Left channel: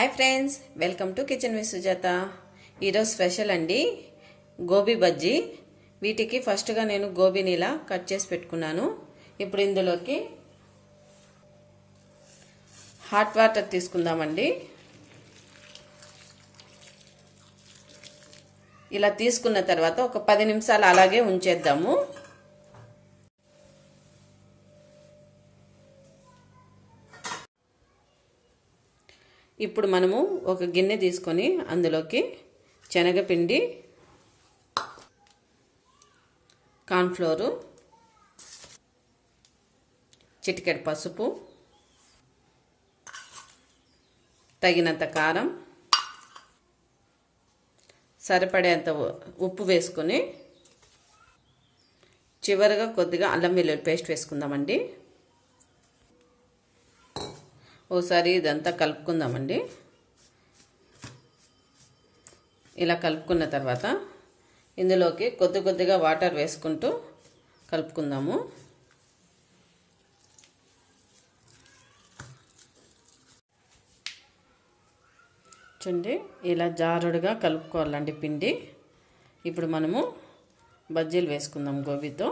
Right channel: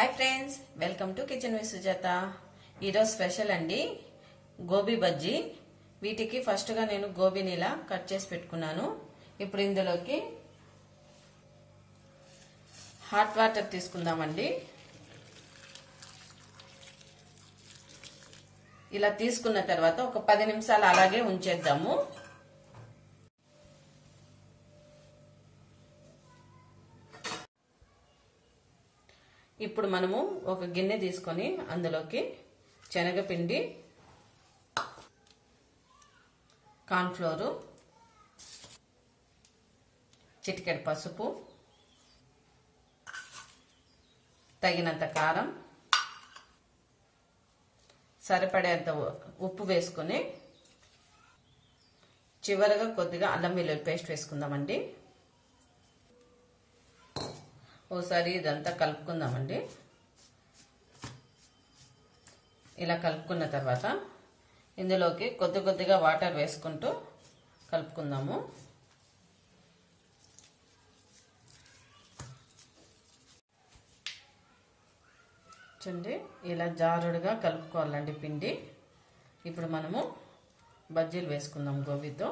Hi friends, welcome to kitchen with Sujatha. ఈరోజు special అండి గోబీ బజ్జీ. వీటికి ఫస్ట్గా నేను గోబీని ఇలా కట్ చేసి పెట్టుకున్నాను. ఇప్పుడు ఇందులోకి హాట్ వాటర్ తీసుకుందామండి. ఇలా తీసుకున్న తర్వాత ఒక 10 నిమిషాలు అలాగే ఉంచేద్దాము. ఇప్పుడు మనము ఒక గిన్నె తీసుకొని అందులోకి శనగపిండి, కార్న్ఫ్లోరు, చిటికెడు పసుపు, తగినంత కారం, సరిపడేంత ఉప్పు వేసుకొని చివరగా కొద్దిగా అల్లం వెల్లుల్లి పేస్ట్ వేసుకుందామండి. ఓసారి ఇదంతా కలుపుకుందామండి. ఇలా కలుపుకున్న తర్వాత ఇందులోకి కొద్దిగా వాటర్ వేసుకుంటూ కలుపుకుందాము. చూడండి, ఇలా జారుడుగా కలుపుకోవాలండి పిండి. ఇప్పుడు మనము బజ్జీలు వేసుకుందాం గోబీతో.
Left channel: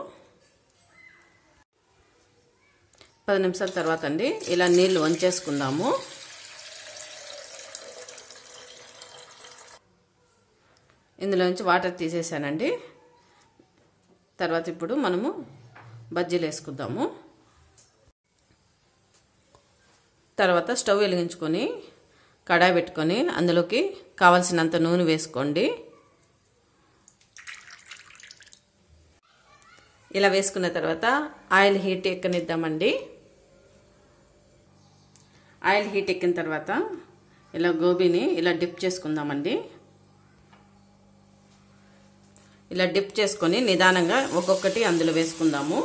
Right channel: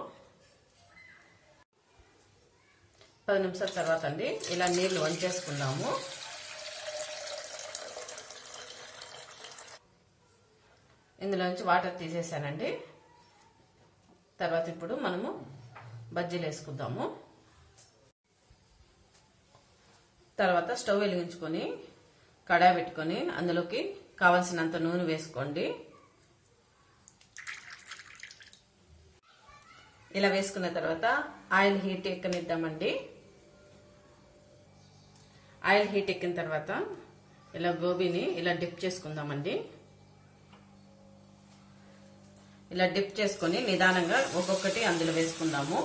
10 నిమిషాల తర్వాత అండి ఇలా నీళ్లు వంచేసుకుందాము. ఇందులో నుంచి వాటర్ తీసేసానండి. తర్వాత ఇప్పుడు మనము బజ్జీలు వేసుకుందాము. తర్వాత స్టవ్ వెలిగించుకొని కడాయి పెట్టుకొని అందులోకి కావాల్సినంత నూనె వేసుకోండి. ఇలా వేసుకున్న తర్వాత ఆయిల్ హీట్ ఎక్కనిద్దామండి. ఆయిల్ హీట్ ఎక్కిన తర్వాత ఇలా గోబీని ఇలా డిప్ చేసుకుందామండి. ఇలా డిప్ చేసుకొని నిదానంగా ఒక్కొక్కటి అందులో వేసుకుందాము.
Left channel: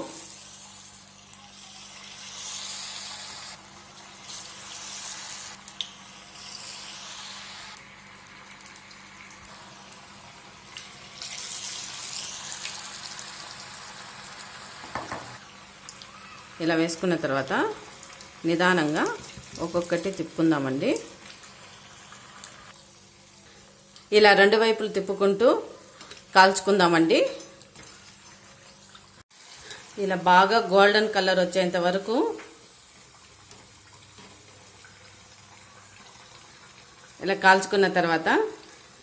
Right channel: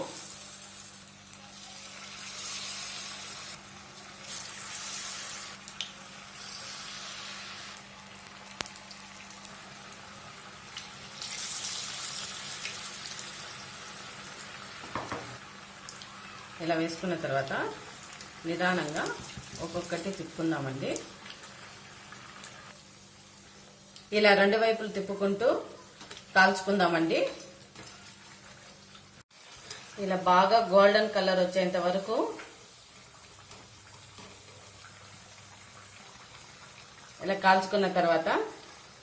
ఇలా వేసుకున్న తర్వాత నిదానంగా ఒక్కొక్కటి తిప్పుకుందామండి. ఇలా రెండు వైపులు తిప్పుకుంటూ కాల్చుకుందామండి. ఇలా బాగా గోల్డెన్ కలర్ వచ్చేంత వరకు ఇలా కాల్చుకున్న తర్వాత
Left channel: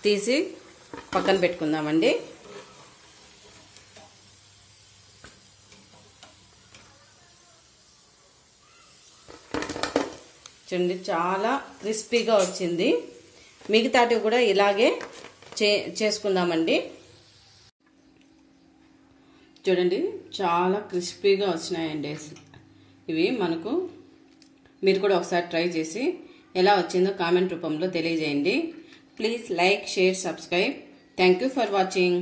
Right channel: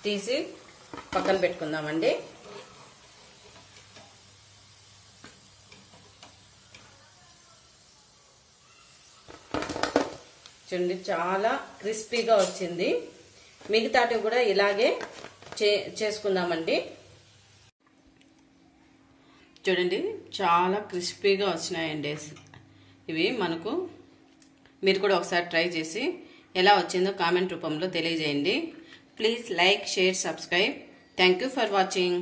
తీసి పక్కన పెట్టుకుందామండి. చూడండి, చాలా క్రిస్పీగా వచ్చింది. మిగతాటి కూడా ఇలాగే చేసుకుందామండి. చూడండి, చాలా క్రిస్పీగా వచ్చినాయండి ఇవి మనకు. మీరు కూడా ఒకసారి ట్రై చేసి ఎలా వచ్చిందో కామెంట్ రూపంలో తెలియజేయండి. Please like, share, subscribe. Thank you for watching.